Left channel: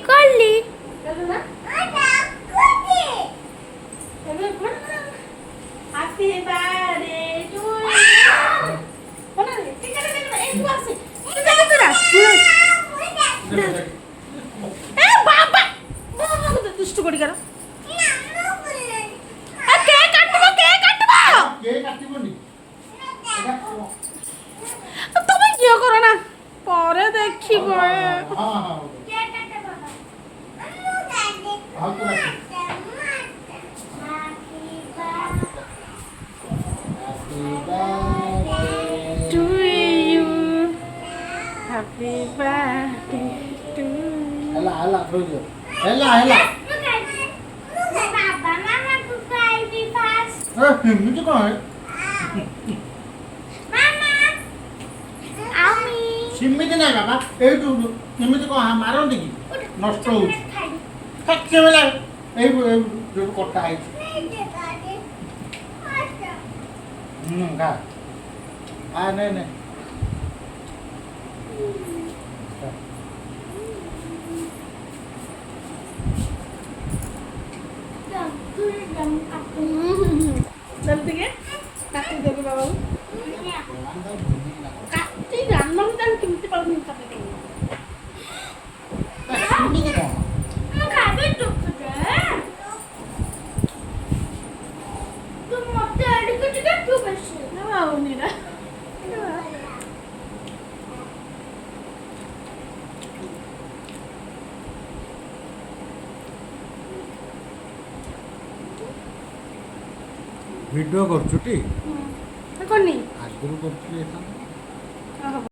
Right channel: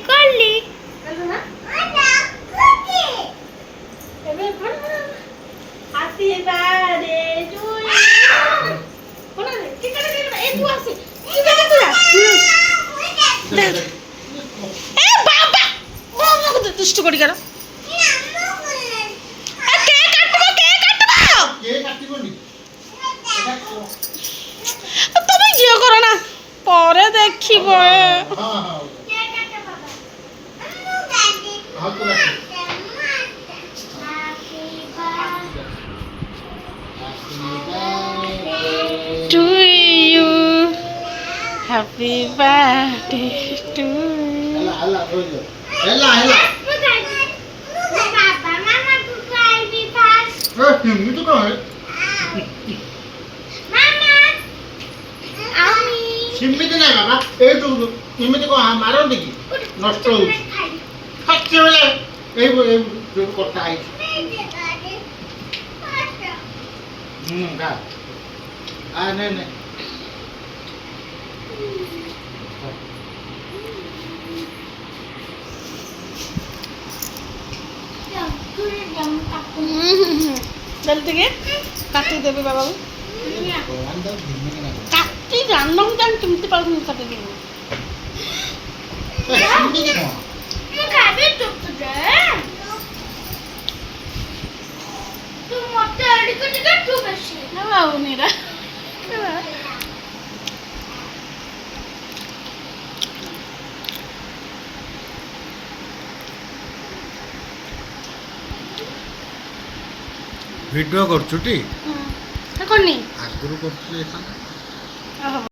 করলি করলি happy birthday to you ঠিক আছে এই তো আছে এ বাবা দুষ্টু করি কেন কে কাটবো তুমি জিও করো না পরে দেখিব to you happy birthday to আমি ସେମିତି ନାହିଁ ବାବା ଏଇଠୁ ଏମିତି କଣ ମାରନ୍ତି କି ନଷ୍ଟ ହଉଛି ଖାচ্ছে ବେଳେ ଏଇ ଯୋଉ କଟା ହେଇଛି ଖା ନେ ନେ জলদি কে কাটি দেবে বাবা কাটি রান্না জান তুমি পারবো কাটি দেবে ସେମିତି କଣ ମୁଁ ଖାଇବି ଚୁପଚାପ ତୁ ମତେ ଆଡିକୁ ଟିକେ ତୁ ବେଶୀ না বাবু নিরা ଭିଡ଼ିଓ କରୁଛୁ ଟି করনি ଆଗରୁ କରୁଛୁ